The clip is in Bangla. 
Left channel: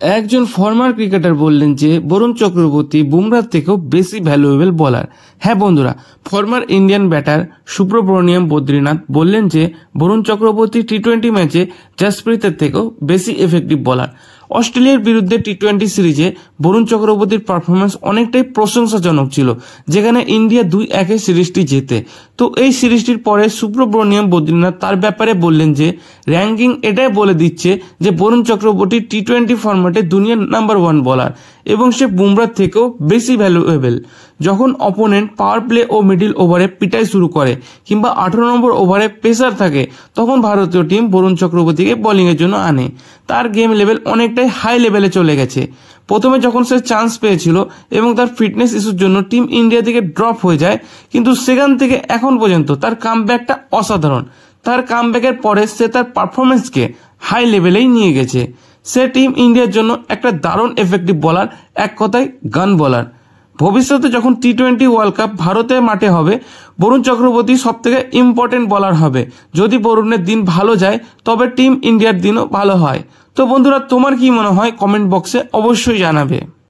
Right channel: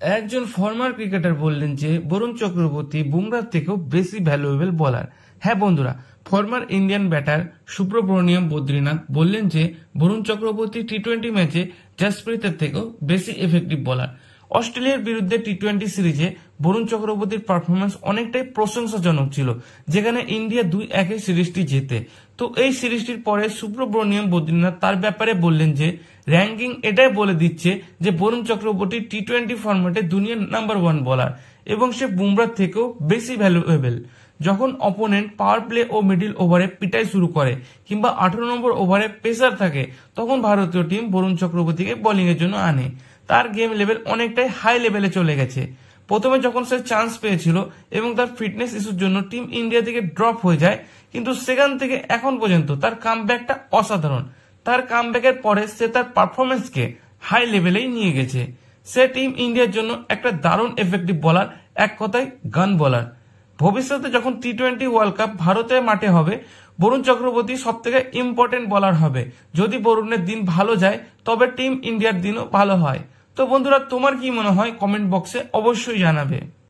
একজন ফর্মার ক্রিকেটার বললেন যে বরুণ চক্রবর্তী বুমরার থেকেও বেশি ভ্যালুয়েবল বলার। হ্যাঁ বন্ধুরা, former Indian batter Subramaniam Badrinath বললেন যে বরুণ চক্রবর্তী টি-20 ম্যাচে জসপ্রীতের থেকেও বেশি এফেক্টিভ বলার। অস্ট্রেলিয়ার বিরুদ্ধে টি-20 সিরিজে বরুণ চক্রবর্তীর পারফরমেন্স অনেকটাই প্রশংসাজনক ছিল, যেখানে ইন্ডিয়া 2-1 সিরিজটি জেতে। তো এই সিরিজটির পরে সুব্রমণিয়াম বদ্রীনাথ তার ব্যাপারে বললেন যে র্যাঙ্কিং এটাই বলে দিচ্ছে যে বরুণ চক্রবর্তী টি-20 ফরম্যাটে দুনিয়ার নাম্বার 1 বলার এবং সে বুমরার থেকেও বেশি ভ্যালুয়েবল। যখন অপোনেন্ট পাওয়ার প্লে ও মিডিল ওভারে পিটাই শুরু করে কিংবা 18 নম্বর ওভারে পেসার থাকে, তখন ভারতীয় টিম বরুণ চক্রবর্তীকে বোলিংয়ের জন্য আনে। তার গেম লেভেল অনেকটাই হাই লেভেলে চলে গেছে। প্রথমে যখন সে চান্স পেয়েছিল এবং তার ফিটনেস ইস্যুর জন্য টিম ইন্ডিয়া থেকে ড্রপ হয়ে যায়, কিন্তু সেখান থেকে এখন পর্যন্ত তার কামব্যাকটা অসাধারণ। তার কামব্যাকের পরে সে তার পারফরমেন্সকে হাই লেভেলেই নিয়ে গেছে। সে টিম ইন্ডিয়ার জন্য একটা দারুণ এফেক্টিভ বলার, এক কথায় গান বলার। ভবিষ্যতে যখন টি-20 ওয়ার্ল্ড কাপ ভারতের মাঠে হবে, বরুণ চক্রবর্তী সব থেকে ইম্পর্টেন্ট বলার হবে। যদি বরুণের দিন ভালো যায় তবে টিম ইন্ডিয়ার দিনও ভালো হয়। তো বন্ধুরা, তোমার কি মনে হয় কমেন্ট বক্সে অবশ্যই জানাবে।